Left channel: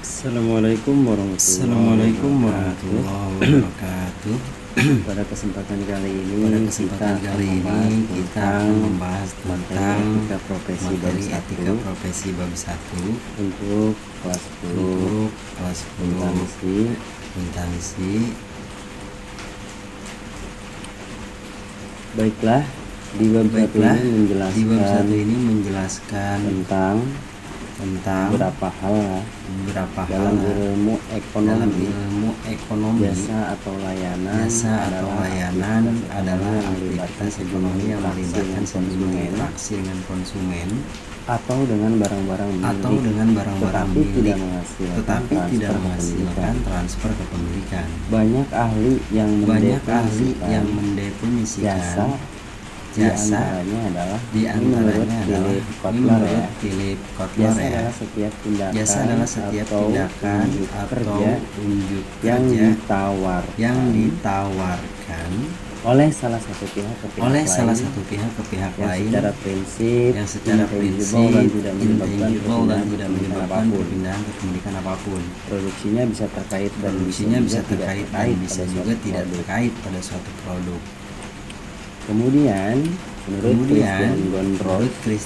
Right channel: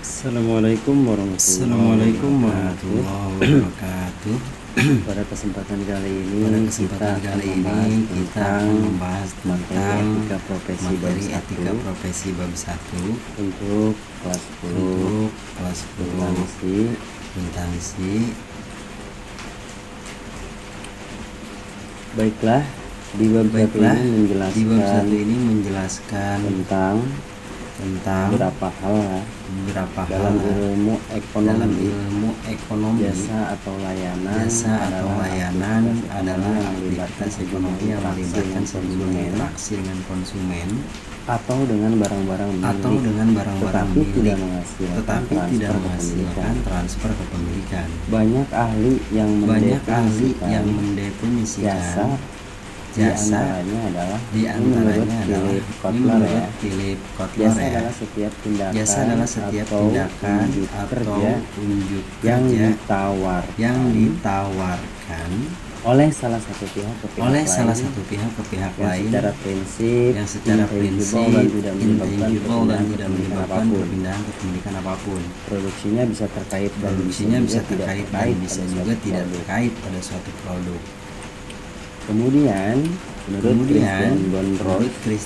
Assalamualaikum warahmatullahi wabarakatuh. Pada kesempatan kali ini kita akan membahas tentang materi etika profesi bab 1 untuk kelas 10 akuntansi. Baiklah, di bab 1 ini menjelaskan tentang beberapa hal dalam ilmu ekonomi. Jasa atau layanan adalah aktivitas ekonomi yang melibatkan sejumlah interaksi dengan konsumen atau dengan barang-barang milik, tetapi tidak menghasilkan transfer kepemilikan. Banyak ahli yang mendefinisikan jasa, diantaranya adalah, ini menurut Philip Kotler ya, jasa adalah setiap tindakan atau unjuk kerja yang ditawarkan oleh salah satu pihak ke pihak lain yang secara prinsip intangible dan tidak menyebabkan perpindahan kepemilikan apapun. Produksinya bisa terkait dan bisa juga tidak terkait pada suatu produk. Kemudian, menurut Christian Gondros,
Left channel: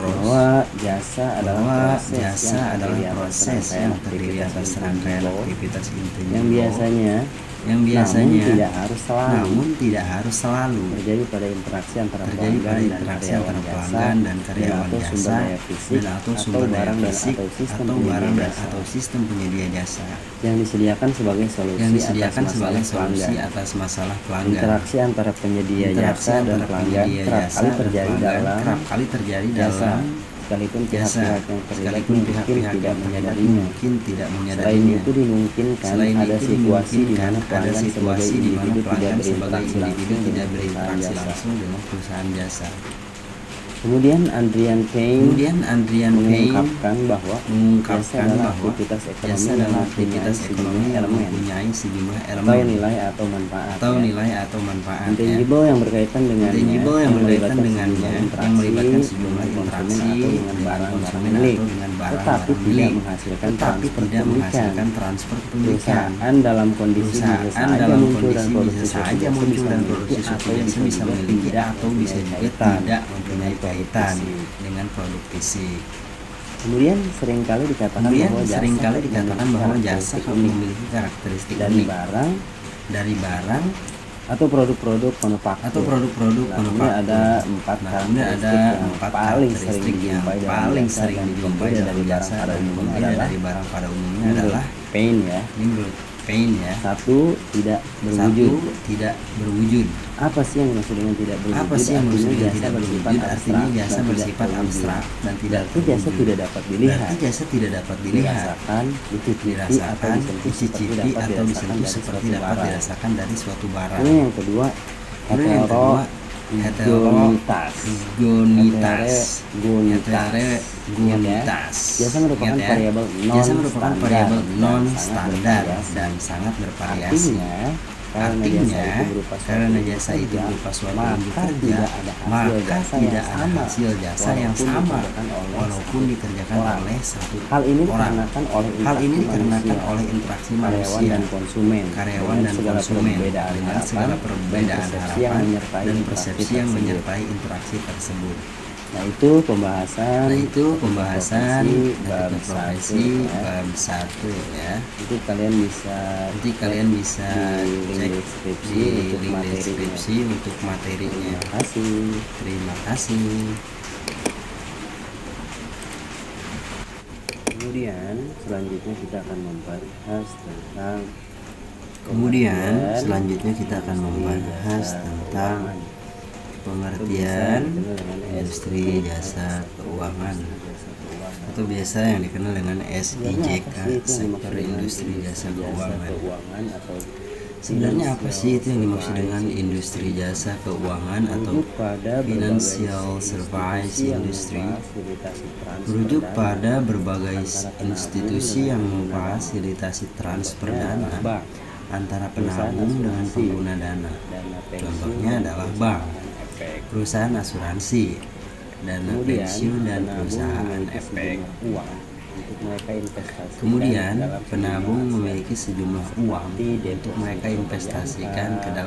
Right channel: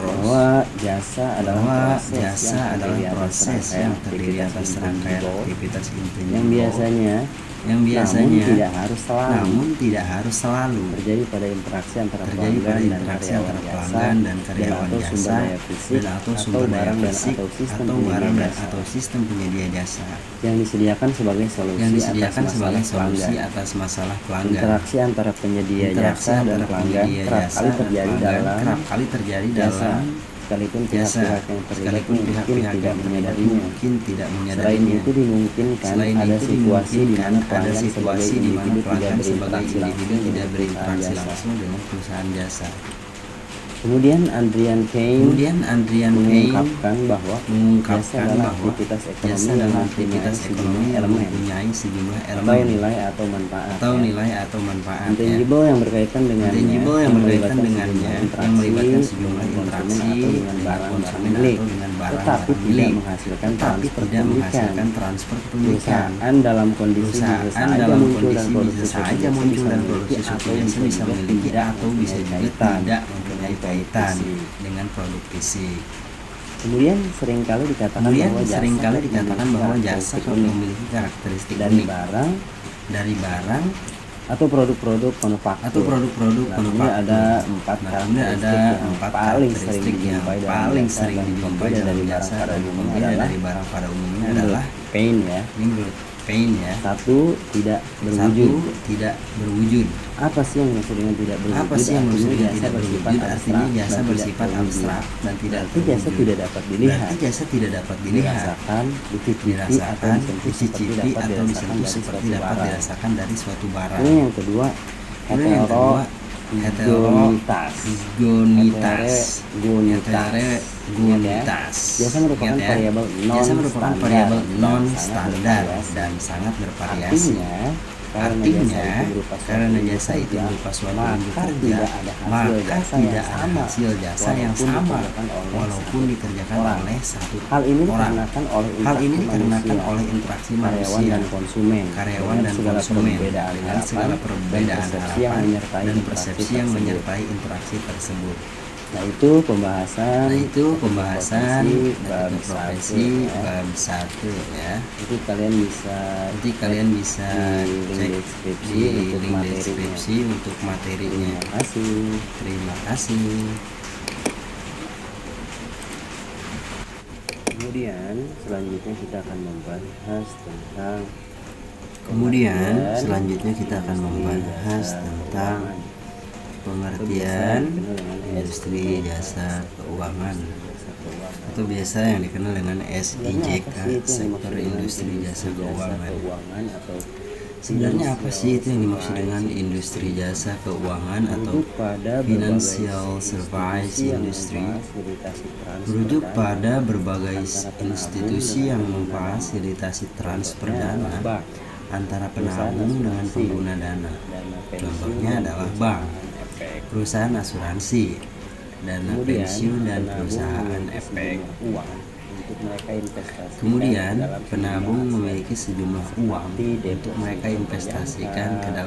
bahwa jasa adalah proses yang terdiri atas rangkaian aktivitas intangible yang biasanya, namun tidak harus selalu, terjadi pada interaksi antara pelanggan dan karyawan jasa dan atau sumber daya fisik atau barang dan atau sistem penyedia jasa yang disediakan sebagai solusi atas masalah pelanggan. Interaksi antara penyedia jasa dan pelanggan kerap kali terjadi dalam jasa, sekalipun pihak-pihak yang terlibat mungkin tidak menyadarinya. Selain itu, dimungkinkan ada situasi di mana pelanggan sebagai individu tidak berinteraksi langsung dengan perusahaan jasa. Kemudian Adrian Payne mengungkapkan bahwa jasa adalah aktivitas ekonomi yang mempunyai sejumlah elemen atau nilai atau manfaat ya. Intangible yang berkaitan dengannya yang melibatkan sejumlah interaksi dengan konsumen atau dengan barang-barang milik, tetapi tidak menghasilkan transfer kepemilikan. Perusahaan dalam kondisi bisa saja muncul dan produksi suatu jasa bisa memiliki atau bisa juga tidak mempunyai kaitan dengan produk fisik. Kemudian seringkali dikatakan bahwa jasa memiliki karakteristik unik dari barang atau produk-produk manufaktur. Nah, kemudian ada 4 karakteristik yang paling sering dijumpai dalam jasa dan pembeda dari barang pada umumnya adalah, ini menurut Payne ya, 1. Tidak berwujud. Apa sih yang dimaksud dengan tidak berwujud? Artinya jasa bersifat abstrak dan tidak terwujud. Berarti jasa tidak dapat dilihat, dirasakan, dicicipi, atau disentuh seperti dapat dirasakan dari suatu barang. Kemudian yang kedua, heterogenitas. Ingat ya, jasa merupakan variabel non-standar dan sangat bervariasi. Artinya, karena jasa itu berupa suatu unjuk kerja, maka tidak ada hasil jasa yang sama walaupun dikerjakan oleh satu orang. Hal ini dikarenakan oleh interaksi manusia, karyawan dan konsumen dengan segala perbedaan harapan dan persepsi yang menyertai interaksi tersebut. Nah, itu pembahasan etika profesi bab 1 ya. Nanti kalian bisa cek di link deskripsi untuk materinya. Terima kasih. Kemudian selanjutnya kita akan membahas tentang pengertian industri jasa keuangan atau biasa yang dikenal dengan SIJK, sektor industri jasa keuangan. Sebenarnya apa sih itu yang dimaksud dengan industri jasa keuangan atau financial service industry? Merujuk pada berbagai institusi yang memfasilitasi transfer dana antara penabung dengan pengguna dana. Contohnya adalah bank, perusahaan asuransi, dana pensiun, dan perusahaan efek. Kemudian, penabung memiliki sejumlah uang untuk mereka investasikan ke dalam sejumlah aset seperti deposito berjangka,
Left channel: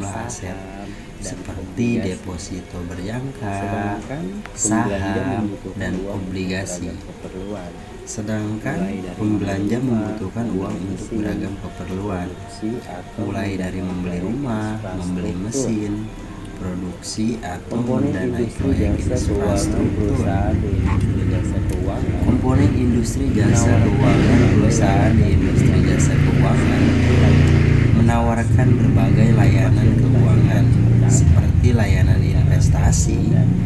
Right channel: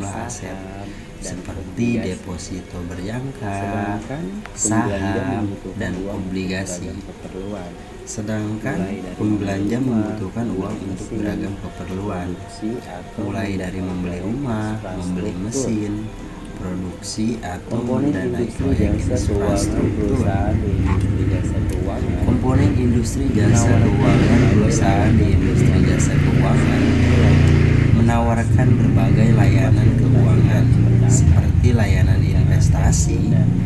saham, dan obligasi. Sedangkan pembelanja membutuhkan uang untuk beragam keperluan, mulai dari membeli rumah, membeli mesin, produksi, atau mendanai proyek infrastruktur. Komponen industri jasa keuangan. Perusahaan di industri jasa keuangan menawarkan berbagai layanan keuangan seperti layanan investasi, memfasilitasi transfer dana, perencanaan pensiun, dan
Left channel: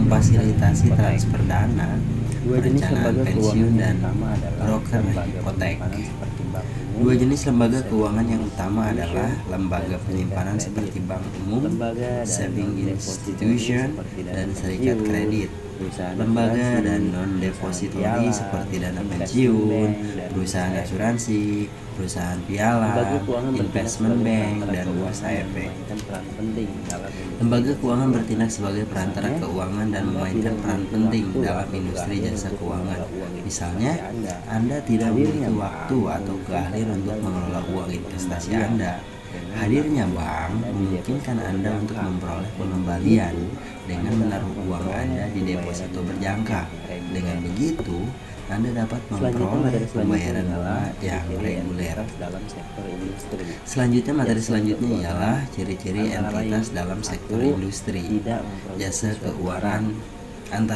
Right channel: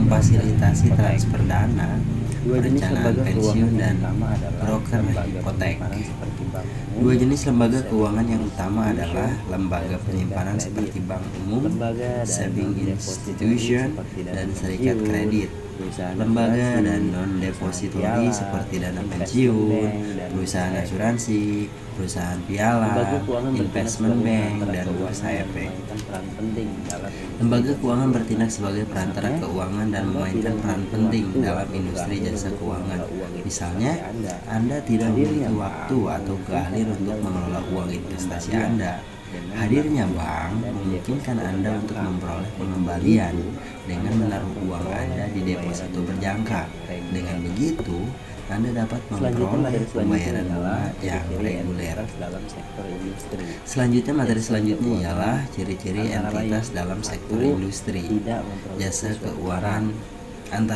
broker hipotek. Dua jenis lembaga keuangan yang utama adalah lembaga penyimpanan seperti bank umum, saving institution, dan serikat kredit. Lembaga dan non-depository seperti dana pensiun, perusahaan asuransi, perusahaan pialang, investment bank, dan bursa efek. Lembaga keuangan bertindak sebagai perantara keuangan dan memainkan peran penting dalam industri jasa keuangan. Misalnya, Anda tidak memiliki waktu atau keahlian untuk mengelola uang investasi Anda. Hadirnya bank memungkinkan Anda untuk memperoleh pengembalian dengan menaruh uang Anda di deposito berjangka. Dengan begitu, Anda dapat memperoleh pembayaran bunga yang reguler. Selanjutnya, materi selanjutnya ialah ciri-ciri entitas dalam sektor industri jasa keuangan, antara lain: 1. Tidak memproduksi suatu barang.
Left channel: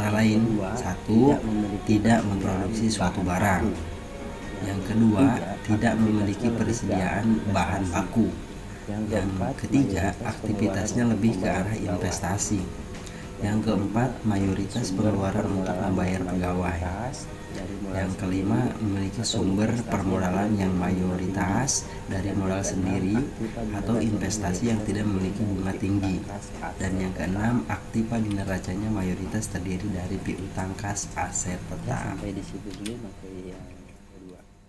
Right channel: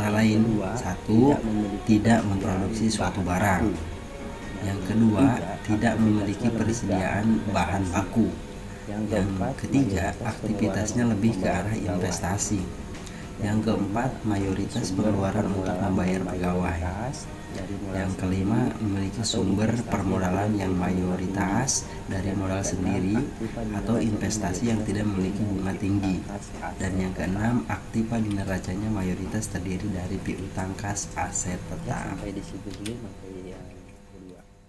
Yang kedua, tidak memiliki persediaan bahan baku. Yang ketiga, aktivitasnya lebih ke arah investasi. Yang keempat, mayoritas pengeluaran untuk membayar pegawai. Yang kelima, memiliki sumber permodalan yang mayoritas dari modal sendiri atau investasi yang tidak memiliki bunga tinggi. Dan yang keenam, aktiva di neracanya mayoritas terdiri dari piutang kas aset tetap. Ya, sampai di situ dulu materi yang kedua.